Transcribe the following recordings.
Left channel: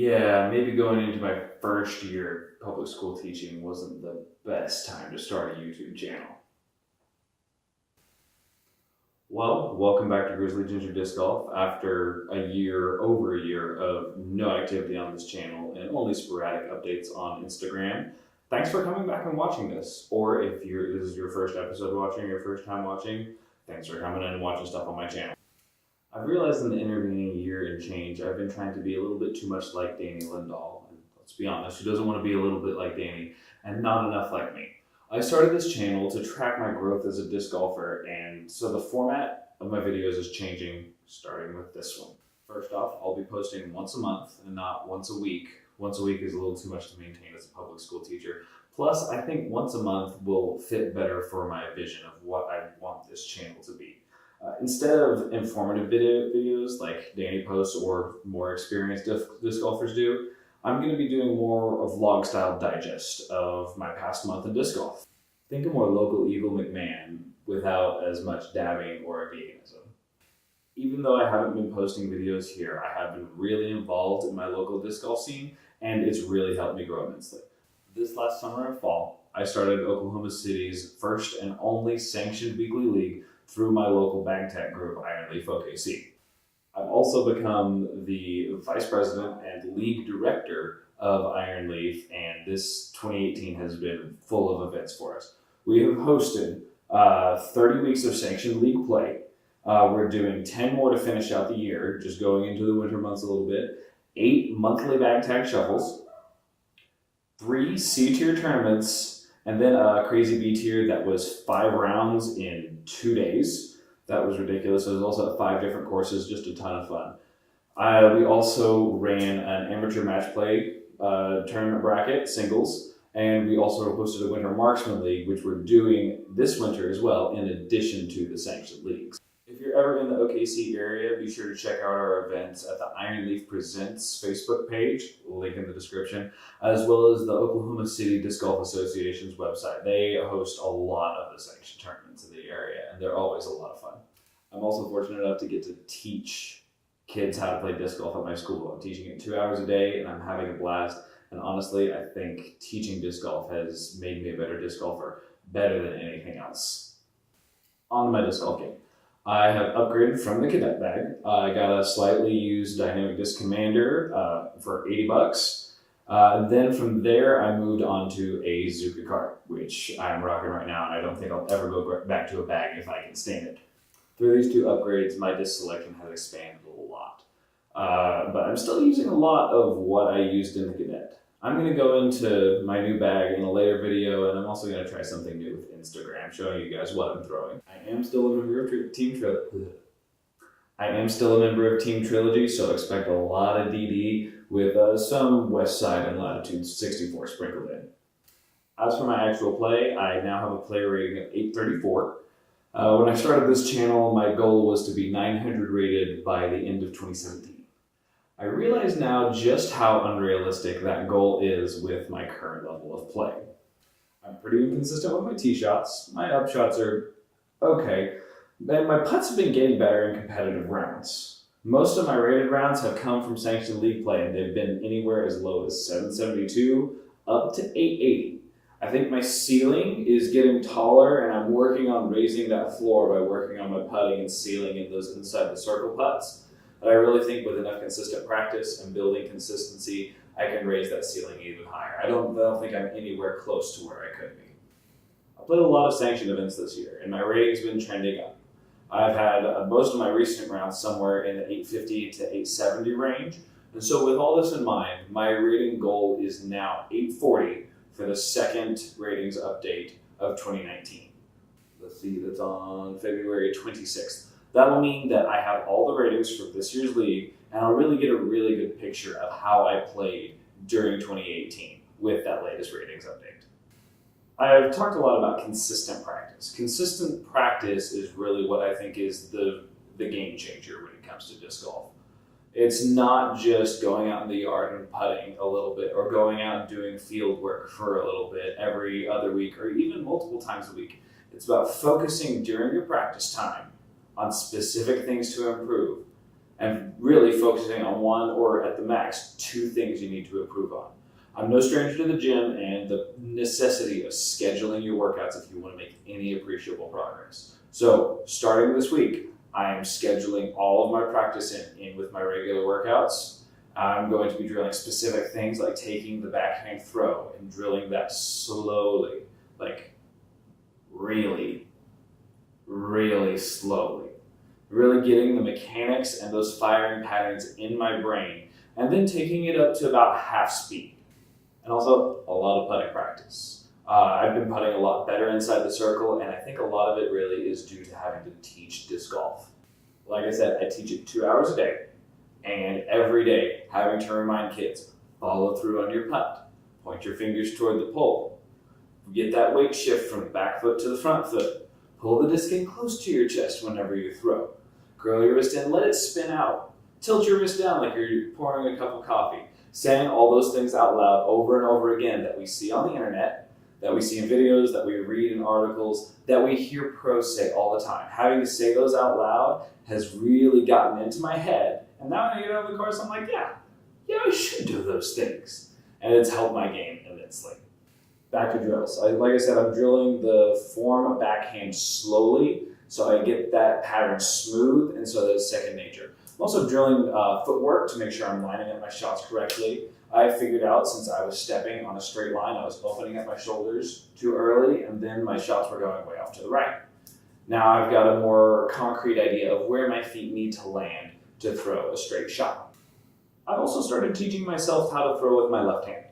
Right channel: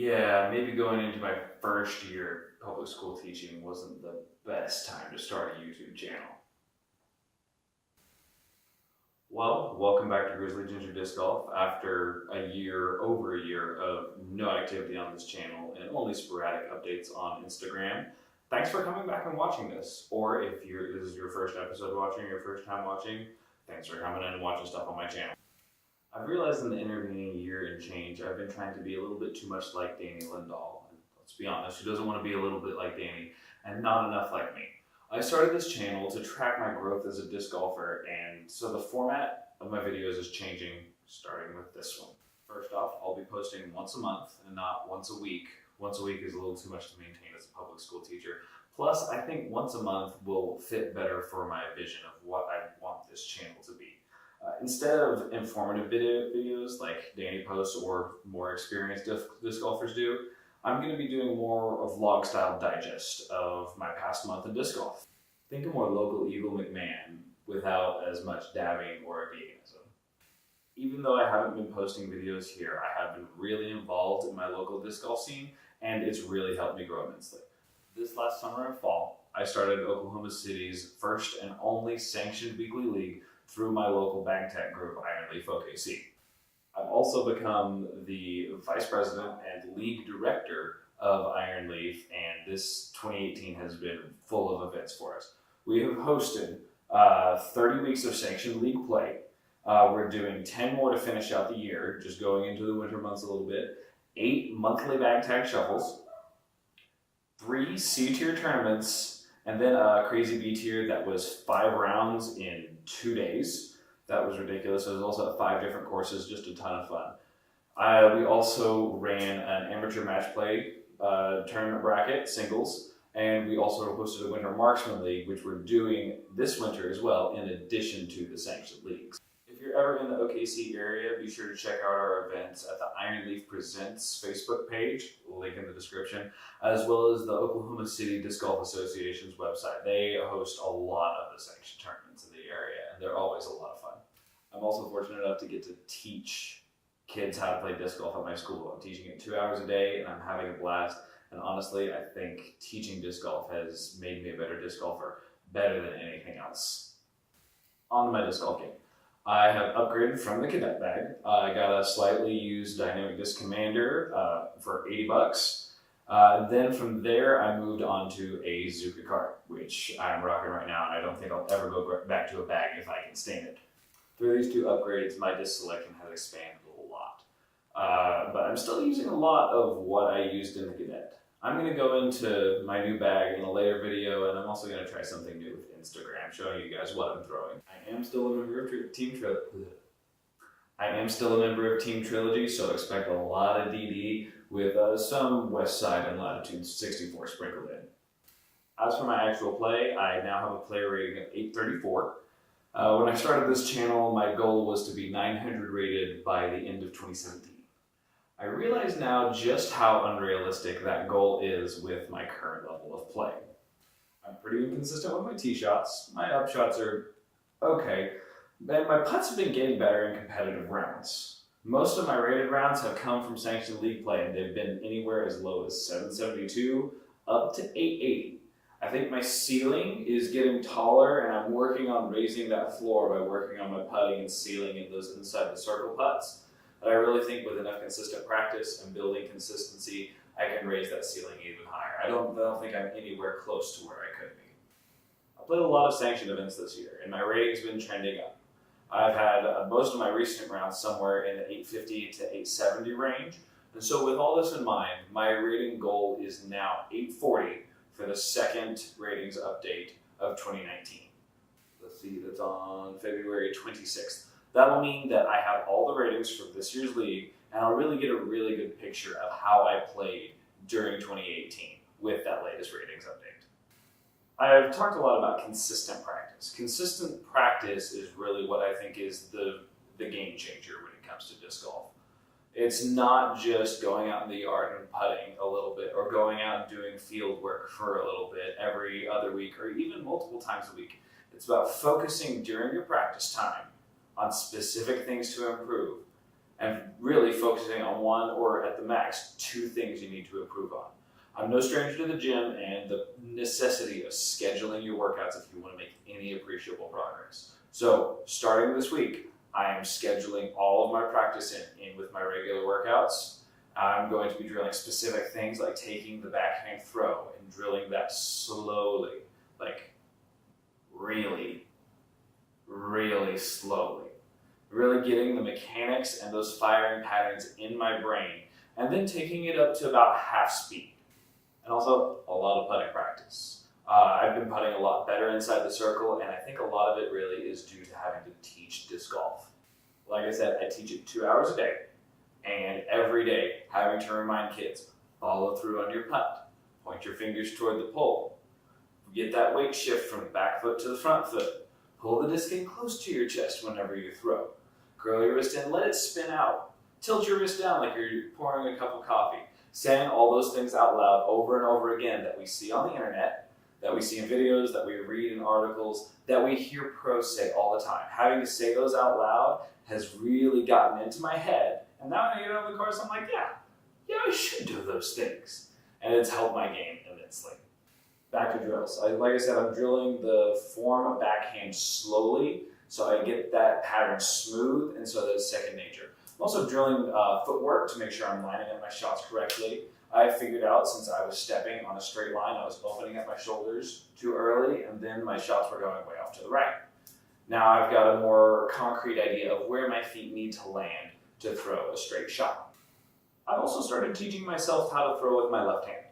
Yeah, maybe going into my first year of public school teaching wasn't the best time to start a YouTube channel. Well, welcome back to Grizzly Ginger Disc Golf. After over a year of no activity on this channel and only sporadic updates on Instagram, thanks for coming back and watching this. Or if this is your first episode watching, your first time watching, thanks for coming in and watching stuff on my channel. I've realized in the intervening year and change, I've been trying to be a little bit too much like Danny Lindahl. And let's be honest, who doesn't want to be a little bit like Danny and not enough like me? I started this channel to track my growth as a disc golfer, and so the format of my videos is changing, starting with this one. First off, I'll be posting once a month and not once a week. Once a week is a little too much to maintain as a public school teacher. Plus, I think once a month will fit better for my vision of what I want this channel to be. Instead of informative videos like Danny posts or more experienced disc golfers do, I'm going to be doing more of vlog-style digest of my past month in disc golf. Think a more local Eagle McMahon without as much dabbing or veganism. Even though I haven't been posting videos here, I have been really involved in my local disc golf scene, and it's really helped me grow immensely. This last summer and fall, I started Oklahoma City's first and only sanctioned weekly league through my local bag tech group, Iron Leaf OKC. I've also become the vice president and league director of Iron Leaf, and this 2018 has been full of events for us. We have hosted 30 weeks of sanctioned league play. We're doing 10 more to finish out the year, just going into the winter months a little bit. 8 monthly bag tag shuffles, 3 C-tier tournaments, and then a crazy B-tier that was 5 rounds in 2 days. That was ridiculous. It was also at 5 different courses, just a ton of fun. We also ran an amateur match play tournament bracket, singles, and we also hosted a winter marksman league, which we're doing this winter as well, in addition to the sanctioned leagues. If you're ever in the OKC area, be sure to check out our events at the Iron Leaf Presents Facebook page, link in the description, as well as the Oklahoma City Disc Golf Association's website. They host a lot of the sanctioned tournaments in the area, and they're always a lot of fun. I'm also fortunate enough to get to teach kids how to play disc golf at my school. I'm teaching it 2 hours a day, and I'm having a blast. And honestly, I think teaching disc golf has made me a better disc golfer, better than anything else. On to my disc golf game. I have upgraded from the cadet bag. I got a slightly used Dynamic Disc Commander for $80. Then from there, I moved on to a Zuka cart, which I'm rocking right now, and I don't think I'll ever go back to a bag if I can stand it. Through these 2 upgrades, my disc selection has expanded a lot. But I'm still using a lot of what I used in the cadet. I'm going to go into my new bag in a later video, and I'm also going to try something new with Instagram, showing you guys what I'm throwing. I am still a member of Team Trilogy, so expect a lot of DD with some West Side and Latitude 64 sprinkled in. As for my actual play, I now have a player rating of 834. When I started this channel, my goal was to be 900 rated by the end of 2017. I realize now just how unrealistic that goal is with my current level of play. I'm pretty inconsistent with my tee shots. My up shots are okay, and my putts have been getting better in competitive rounds. Most of my rated rounds have come from sanctioned league play, and they've been anywhere as low as 772 up to 880. I think my ceiling is getting taller, and I'm working on raising that floor by working on my putting and sealing in those inside the circle putts. But I really think with enough consistent practice and building consistency, I can raise that ceiling even higher. I don't think I'm anywhere close to where I could be. I played a lot of sanctioned events this year, and my rating's been trending up. I've had most of my recent rounds somewhere in the 850 to 870 range. And so with all this in mind, my rating goal is now 840 for the second ratings update of 2019. Let's see, that's on February 26th. That will mean that I have all the ratings from this year's league, and I'll really get a really good picture of how I played during 2018 with that latest ratings update. I've talked a lot about consistent practice. Consistent practice is really what I think is the game changer when it comes to disc golf. It's not just going out in the yard and putting a little bit, or going out and doing field work for a little bit every other week, or even multiple times a week. It's about focusing during your practice time on specific things to improve, and really focusing on one or at the max 2 things you need to improve on. I'm no stranger to the gym and the necessity of scheduling your workouts if you want to make any appreciable progress. So starting this week, I am scheduling all of my practice in with my regular workouts. I'm going to be drilling specific things like taking the backhand throw and drilling that slowly, like really, really slowly. Really getting the mechanics and those firing patterns in my brain, and then taking it up to about half speed. And also a lot of putting practice. I've been putting a lot better inside the circle, and I think a lot of it really is due to having to teach disc golf. Like I said, I teach it 2 hours a day, and every day having to remind kids, follow through on your putt, point your fingers toward the pole, get that weight shift from the back foot to the front foot, pull the disc in close to your chest whenever you throw, curl your wrist in, let it spin out, tilt your wrist down like you're pouring a cup of coffee, saying all those things out loud over and over again that we see on the internet, that we see in videos, that we read in articles, that we hear pros say all the time. Having to say those out loud has really gotten into my head, and now when I get out of the course, I'm like, yeah, I should do those things. And it's helped my game immensely. Back to drills. Like I said, I'm drilling the form of backhand slowly, so I get that pattern smooth, and so that it's second nature. I'm also drilling footwork to make sure I'm lining up my shots correctly. I figured out since I was stepping on a straight line, I was opening up my shoulders too early, and then my shots were going way off to the right. Now I've got a more concrete idea of where my feet need to land to throw a straight shot. I've also started teaching myself how to throw with my left hand.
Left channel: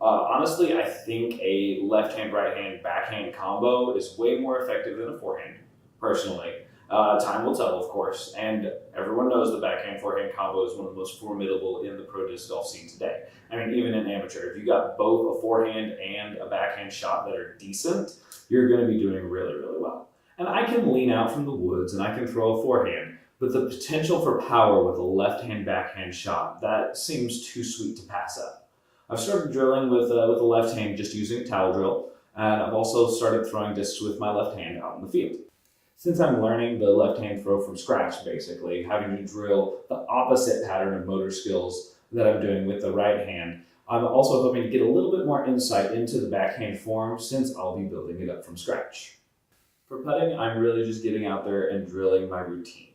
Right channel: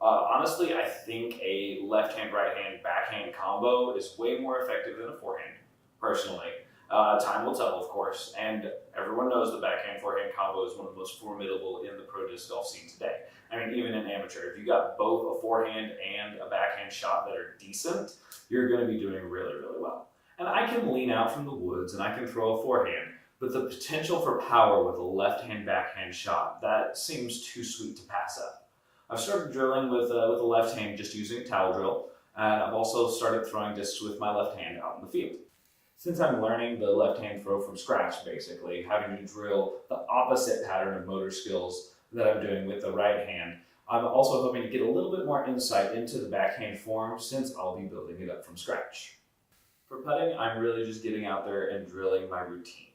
Honestly, I think a left-hand, right-hand, backhand combo is way more effective than a forehand, personally. Time will tell, of course, and everyone knows the backhand, forehand combo is one of the most formidable in the pro disc golf scene today. I mean, even in amateur, if you got both a forehand and a backhand shot that are decent, you're going to be doing really, really well. And I can lean out from the woods and I can throw a forehand, but the potential for power with a left-hand, backhand shot, that seems too sweet to pass up. I've started drilling with the left hand just using a towel drill, and I've also started throwing discs with my left hand out in the field. Since I'm learning the left hand throw from scratch, basically, having to drill the opposite pattern of motor skills that I'm doing with the right hand, I'm also hoping to get a little bit more insight into the backhand form since I'll be building it up from scratch. For putting, I'm really just getting out there and drilling my routine.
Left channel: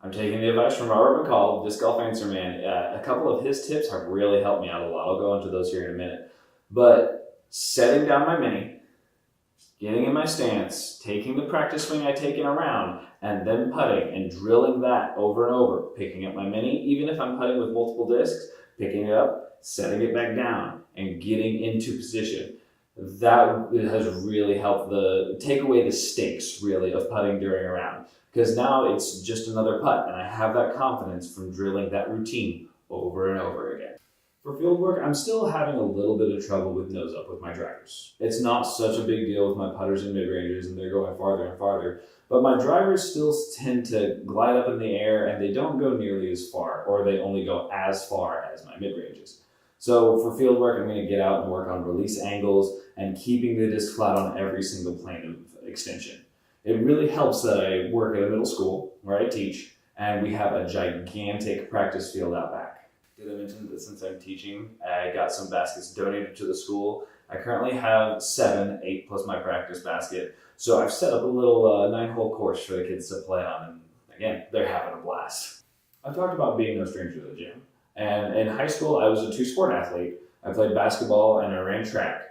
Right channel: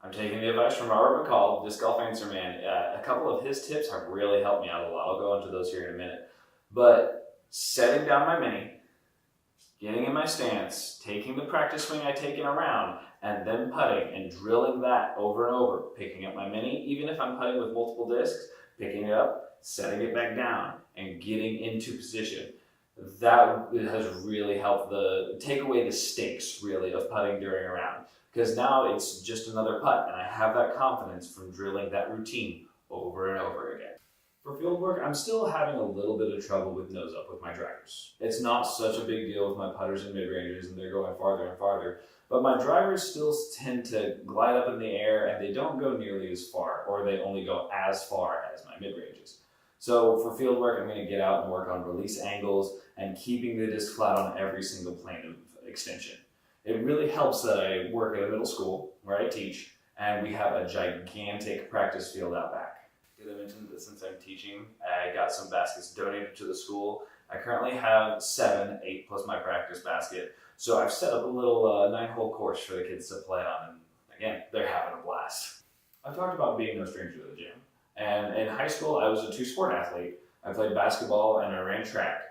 I'm taking the advice from Robert McCall, Disc Golf Answer Man. A couple of his tips have really helped me out a lot. I'll go into those here in a minute. But setting down my mini, getting in my stance, taking the practice swing I take in a round, and then putting and drilling that over and over, picking up my mini, even if I'm putting with multiple discs, picking it up, setting it back down, and getting into position. That has really helped take away the stakes, really, of putting during a round. Because now it's just another putt, and I have that confidence from drilling that routine over and over again. For field work, I'm still having a little bit of trouble with nose up with my drivers. It's not such a big deal with my putters and mid-rangers, and they're going farther and farther, but my drivers still tend to glide up in the air, and they don't go nearly as far, or they only go as far as my mid-ranges. So for field work, I'm going to get out and work on release angles and keeping the disc flat on every single plane of extension. It really helps that I work at a middle school where I teach, and we have a gigantic practice field out back. Did I mention that since I'm teaching, I got some baskets donated to the school. I currently have 7, 8 plus my practice basket. So I've set up a little 9-hole course for the kids to play on, and again, they're having a blast. I've talked about being no stranger to the gym, and in high school, I was a 2-sport athlete. I played basketball and I ran track.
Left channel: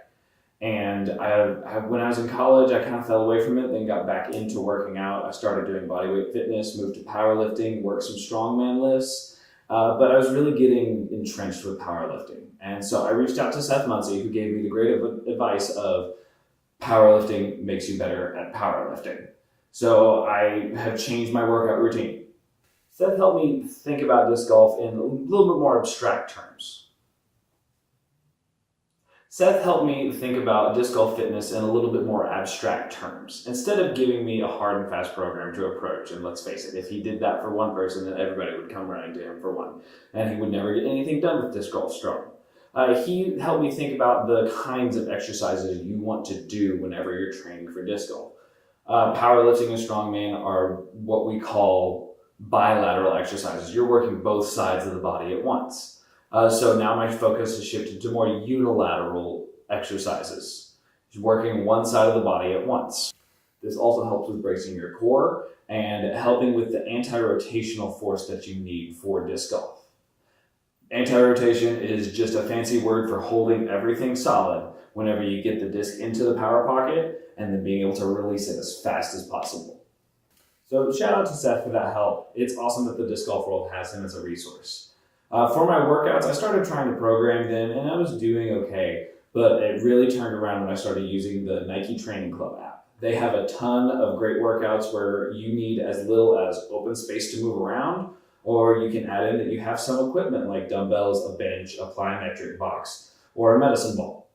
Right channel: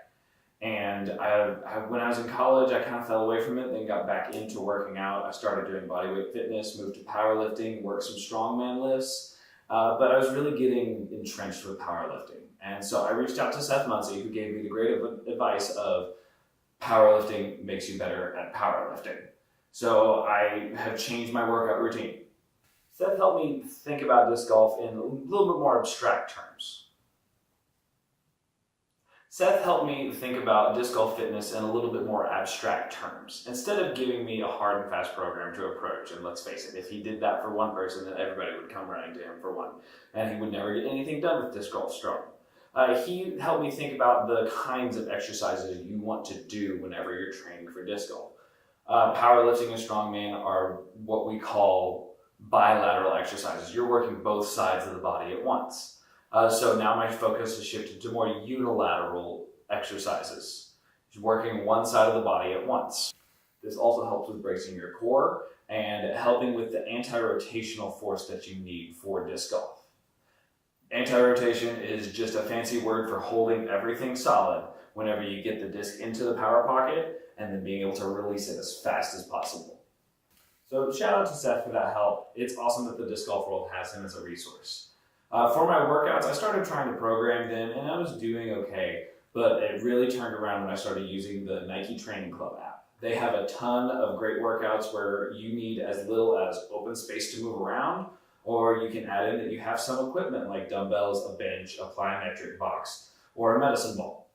And when I was in college, I kind of fell away from it, then got back into working out. I started doing bodyweight fitness, moved to powerlifting, worked some strongman lifts, but I was really getting entrenched with powerlifting. And so I reached out to Seth Muncy, who gave me the great advice of powerlifting makes you better at powerlifting. So I have changed my workout routine. Seth helped me think about disc golf in a little bit more abstract terms. Seth helped me think about disc golf fitness in a little bit more abstract terms, instead of giving me a hard and fast program to approach. And let's face it, if he did that for one person, then everybody would come running to him for one, and he would never get anything done with disc golf strong. He helped me think about the kinds of exercises you want to do whenever you're training for disc golf. Powerlifting and strongman are what we call bilateral exercises. You're working both sides of the body at once. So now my focus has shifted to more unilateral exercises, working one side of the body at once. This also helps with bracing your core and helping with the anti-rotational force that you need for disc golf. Anti-rotation is just a fancy word for holding everything solid whenever you get the disc into the power pocket and then being able to release it as fast as possible. So shout out to Seth for that help. It's awesome that the disc golf world has him as a resource. For my workouts, I started trying to program them and I was doing okay, but it really turned around when I started using the Nike Training Club app. They have a ton of great workouts where you need as little as open space to move around, or you can add in that you have some equipment like dumbbells, a bench, a plyometric box, or a medicine ball.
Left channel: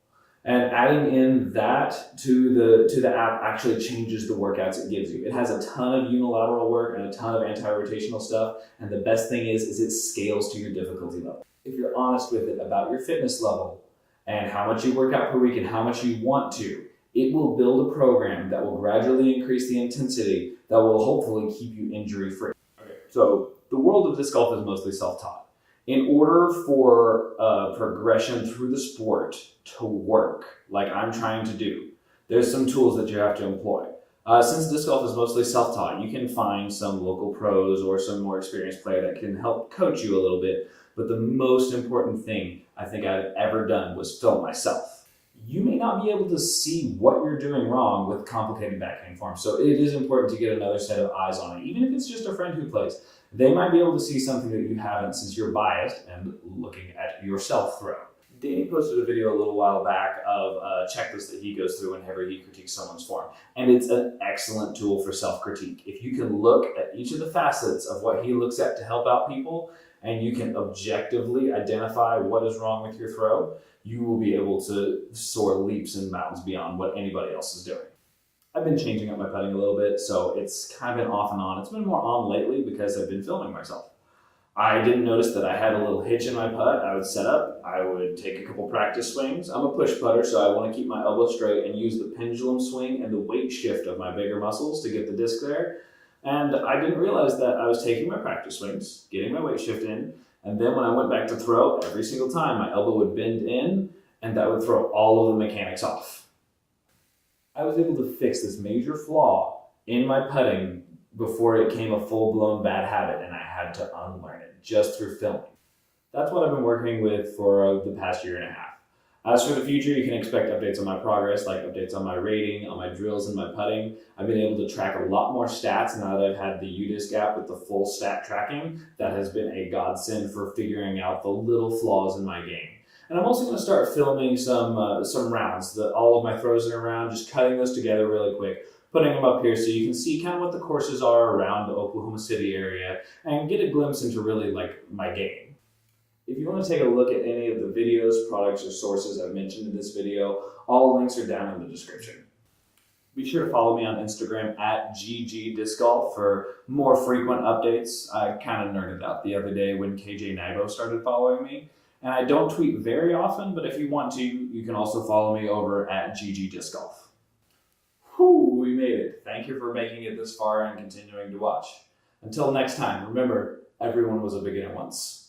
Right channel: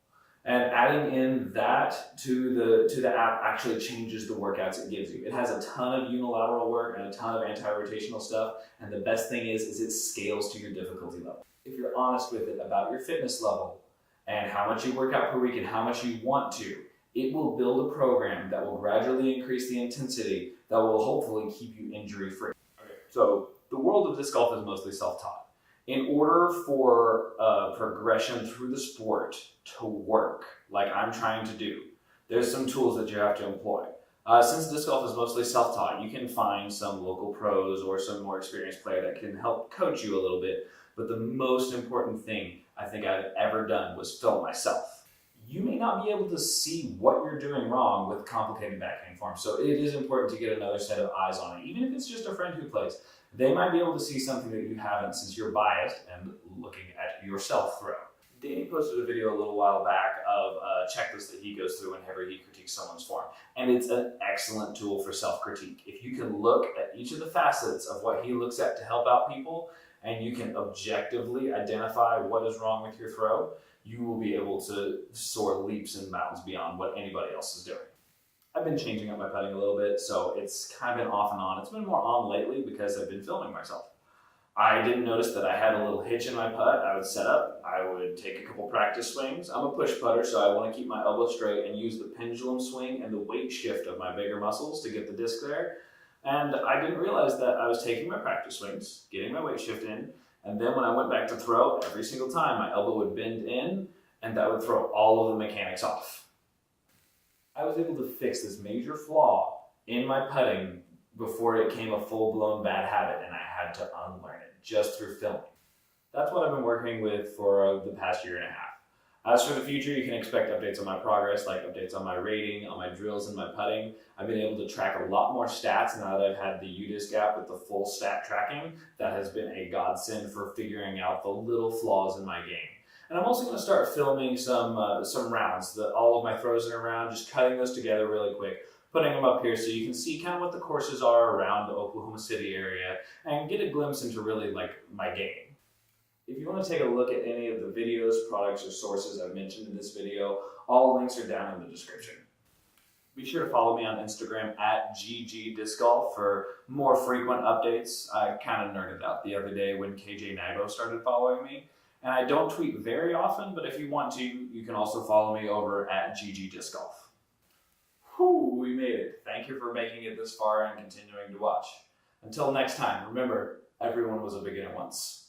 And adding in that to the app actually changes the workouts it gives you. It has a ton of unilateral work and a ton of anti-rotational stuff, and the best thing is it scales to your difficulty level. If you're honest with it about your fitness level and how much you work out per week and how much you want to, it will build a program that will gradually increase the intensity that will hopefully keep you injury-free. Okay, so the world of disc golf is mostly self-taught. In order for progression through the sport to work, like I'm trying to do, there's some tools that you have to employ. Since disc golf is mostly self-taught, you can find some local pros or some more experienced player that can help coach you a little bit. But the most important thing I think I've ever done was film myself. You may not be able to see what you're doing wrong with complicated backhand forms, so it is important to get another set of eyes on it, even if it's just a friend who plays. They might be able to see something that you haven't since you're biased and looking at yourself throw. Danny posted a video a little while back of a checklist that he goes through whenever he critiques someone's form. And it's an excellent tool for self-critique. If you can look at each of the facets of what he looks at to help out people, and you can objectively identify what is wrong with your throw, you will be able to soar leaps and bounds beyond what anybody else is doing. I've been changing up my putting a little bit, so it's kind of been off and on. It's been more on lately because I've been filming myself. I didn't notice that I had a little hitch in my putt. I would set up, I would take a couple practice swings. I'm a push putter, so I want to keep my elbow straight and use the pendulum swing and the weight shift of my bigger muscles to get the disc there. And I didn't realize that I was taking my practice swings, getting my weight shift in, and then when I went back to throw, every single time my elbow would bend in, and that would throw all of the mechanics off. I was able to fix this major flaw in my putting before it became a full-blown bad habit, and I had to unlearn it just through filming. That's what I've been working with for the past year and a half. As for the future, you can expect updates on my progress, like updates on my rating, on my drills, and my putting. I've been able to track a lot more stats now that I've had the UDisc app with the full stat tracking. That has been a godsend for figuring out the little flaws in my game. And I'm also going to start filming some rounds, all of my throws in a round, just cutting those together really quick, putting them up here so you can see kind of what the courses are around the Oklahoma City area and get a glimpse into really like my game. If you want to take a look at any of the videos, products, or sources I've mentioned in this video, all links are down in the description. Be sure to follow me on Instagram at @GGDiscGolf for more frequent updates. I kind of nerded out the other day when KJ Naibo started following me. And I don't tweet very often, but if you want to, you can also follow me over at @GGDiscGolf. Whew, we made it. Thank you for making it this far and continuing to watch. Until next time, remember, everyone was a beginner once.